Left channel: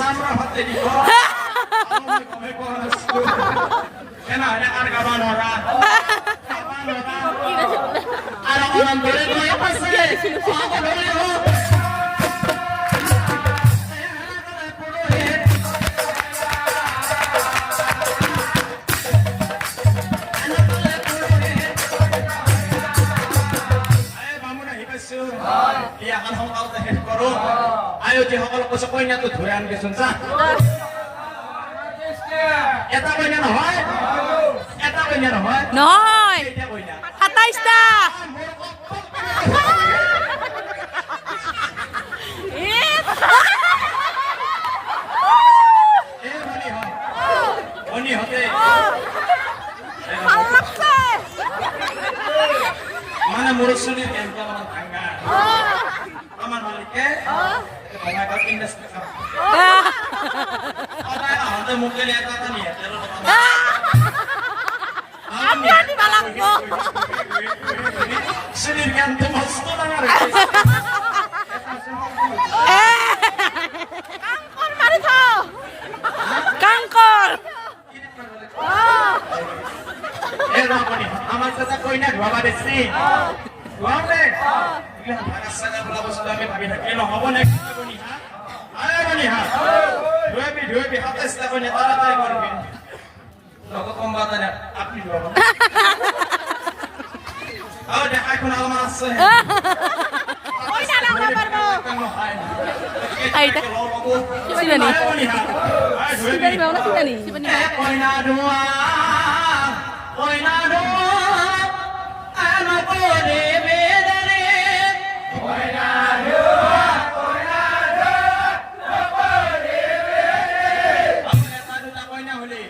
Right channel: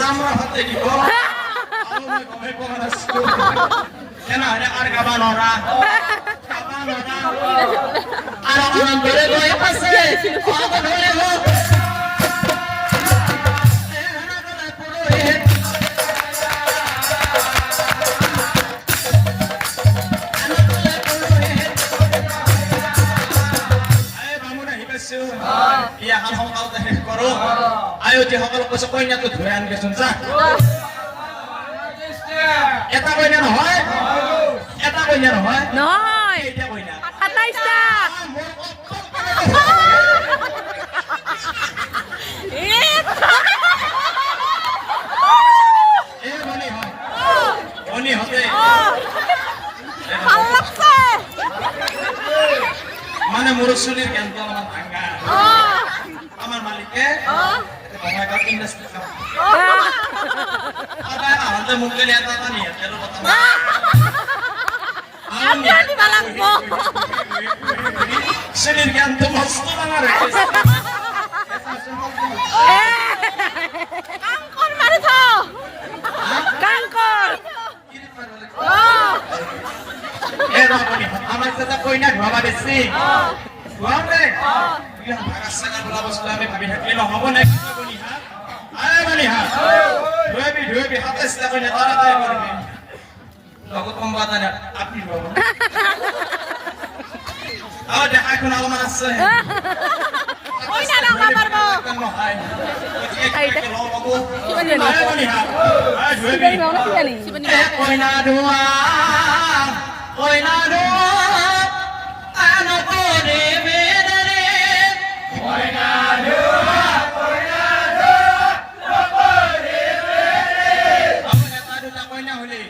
Sama hati di bawah. Oh, kami kau nasi. Kenapa ada harga banora? Orang-orang boleh pasti. Iya, hal-hal kau teh korup. Ayo di hal ku sekoynya tuh doyan ge sunsah. Eta koynya noy. Eta koynya noy. Noy. Kata ista. Oni hote. Halak se. Mana murus sulit yang jalan tangga. Aman Malike. Mana kau industri. Ada mungkin lihat apa nih ya? Ada di balangmu. Sulit kan temas mana? Kangkor marito. Kangkor. Apa nih? Amat tetap koinnya dua pada sih. Dua deh. Yang rasanya berapa sudah kami kilo apa nih? Ayo nih ha. Dua bi atas kita punya tanah tayo baru. Takut pembatannya api dua. Oh dia aku nama mana sih? Oh ini anak kabar mo. Ay, Ayo nih ha. Ayo dua bi. Koina dua. Koina dua. Anak bodi bedari. Koina dua. Koina dua. Anak bodi bedari. Eta duta koina huli.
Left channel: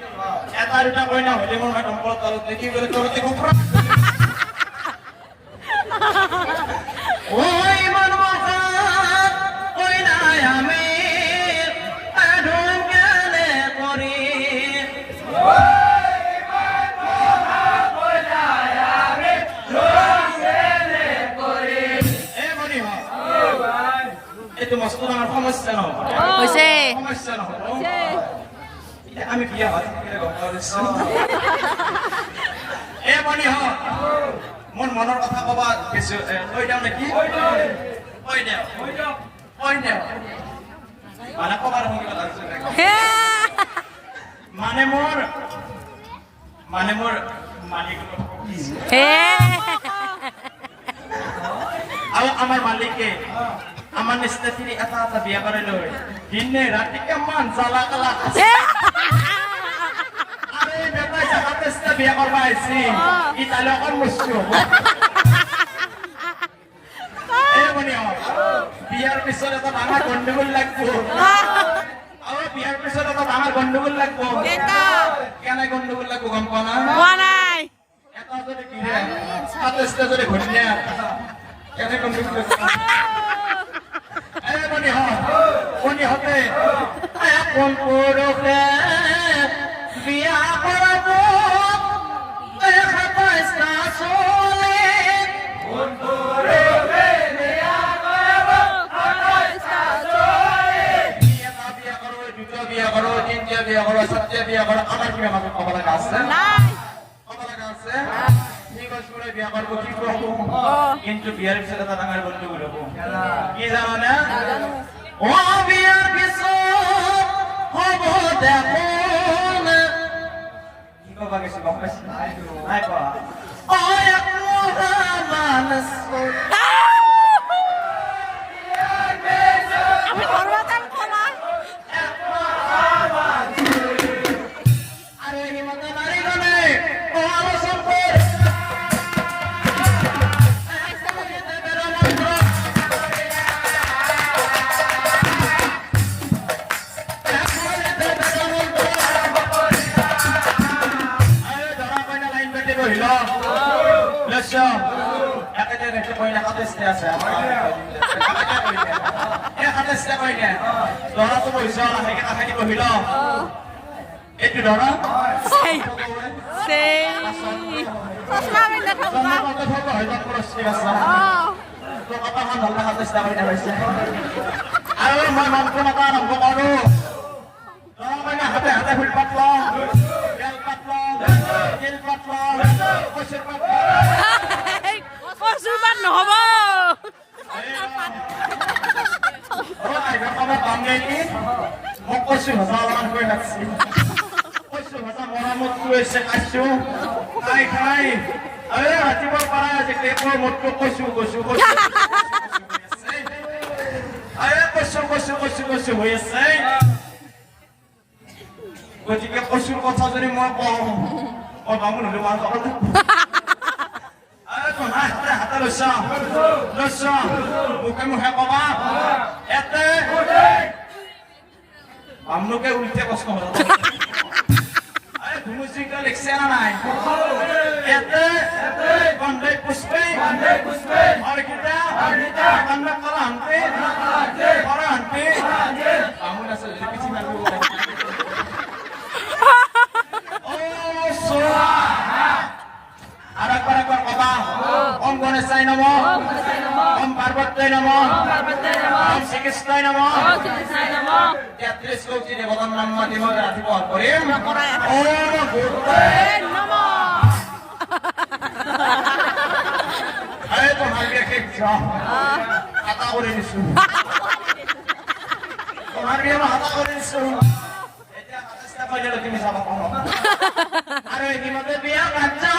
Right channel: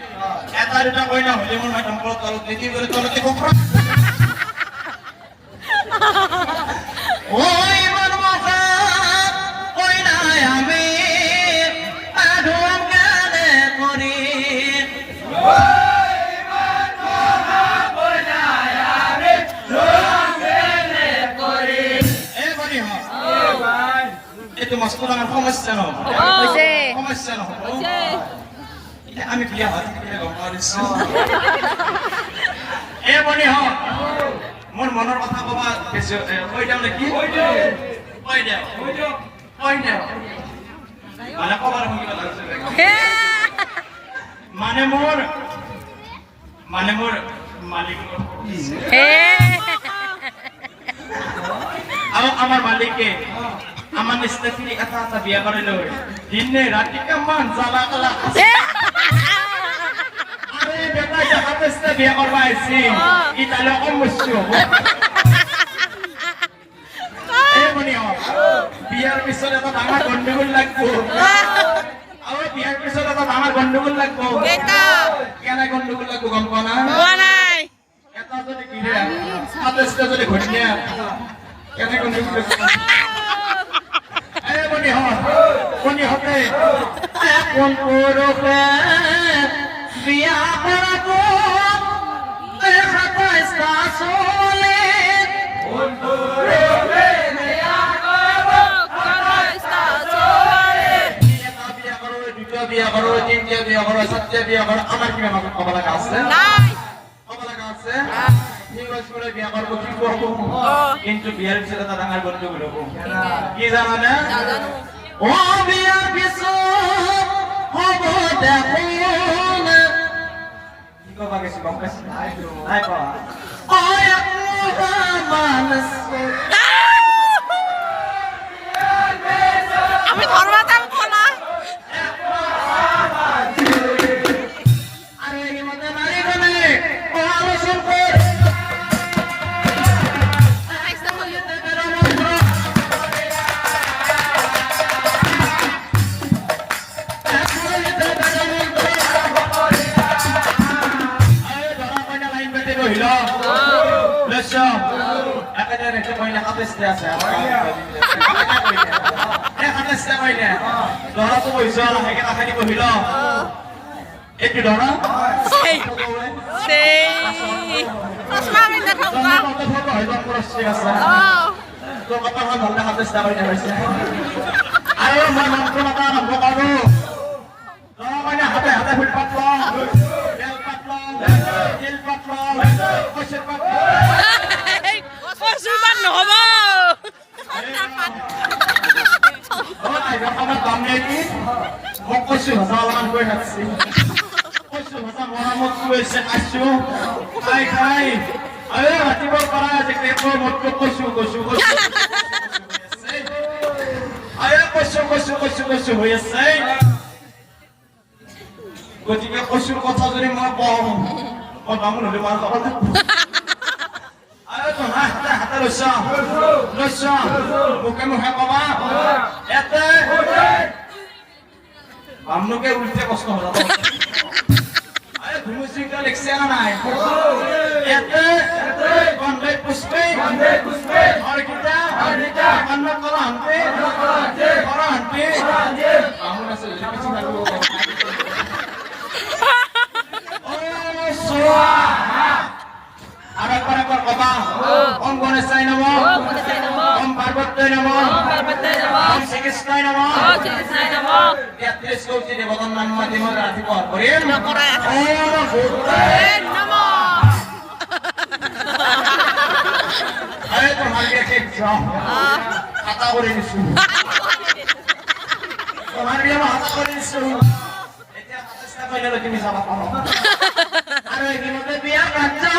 Eta duta koina huli mau macam kalau tiki bertolak kopra. Oi manmaka koina yame adum gane kori. Itu masuk dengan homas channel. Oke. Homas channel. Oke. Ya kami dia hati mani ho. Monor kata apa besok oi down lagi. Oi down. Mana kau baru mungkin harus Mana mur malik. Awak amar malike. Aman istri atata biya karelo. Dinne rati kaman sala kala. Are beta jahat istri biya korbai sin. Kita lokon musuh. Monio. Biar bisa dapat tangan gondol lagu. Awak biar bisa dapat tangan gondol lagu. Beta. Karena gondol lagu kampana. Wanai. Kata tu dikira. Atas tu dikunnya. Karena gondol lagu. Boni hote kon puro ke biya parabu kata esta sole kon puro ke biya parabu kata esta sole biya karo cinta biya karo satya biya karo amar ki memang kepala kase kepala kase ni bosure biya karo ki ko কিন্তু বিয়ার পিছনে তো টাঙার বন্ধু গুলো কি জানো না ও বিয়ার পিছনে হব দেখুন কি কবা গেছি বাপকাস নাই কবা ও এক মানুষ আমি ধরবাতাম খোলা আরে এই মতে নারী গনে ও আমার সম্পদ Itu dorong. Sei. Pas kami datang pak. Ayo, mana pun apa, হাতে ফুল পাতল বেল পাতল তিল পাতল কচুৰ পাতল কচু পাত নহ'ব খাবাৰ দাম নেই কি মোক কচু ভাজা অলপমান কৰি ৰাখছি কচু ভাজা মৰামত কৰিছে খাইছো খাই খাই ৰাতিপুৱাৰ পৰা আজিকালি মতটো কচু কচু কচু কচু কচু কচু হৈ আছে গতিকে কচুৰ কথা যদি মই কওঁ মই বামুণ হলে মাৰ খাব হাতে লৈছ মুখে মুখে কবা এতে বামুণকে উল্টে কষ্ট হল ঘুমুচিংটা লিখছে না নাই এতে বন্ধে পুষ্পে হরকিতা বন্ধ করা হানতে বামুণ আছে পিছি নাগিব আর একবার কবা ওম গণেশায় নমঃ ওম পার্বত্যায় নমঃ ওম শ্রীকৃষ্ণায় নমঃ 33 কোটি দেবতার নাম মাধ্যমে ৰাতিপুৱা কৰিম ওম আৰে তোমাৰ কে যাও হাতা কৰে নিছো তোমাৰ বিয়া হাতা কৰে নিছো এতিয়া হাতা পাইলে তুমি যাব পাৰো আৰে নিমতে বিয়া কাটছো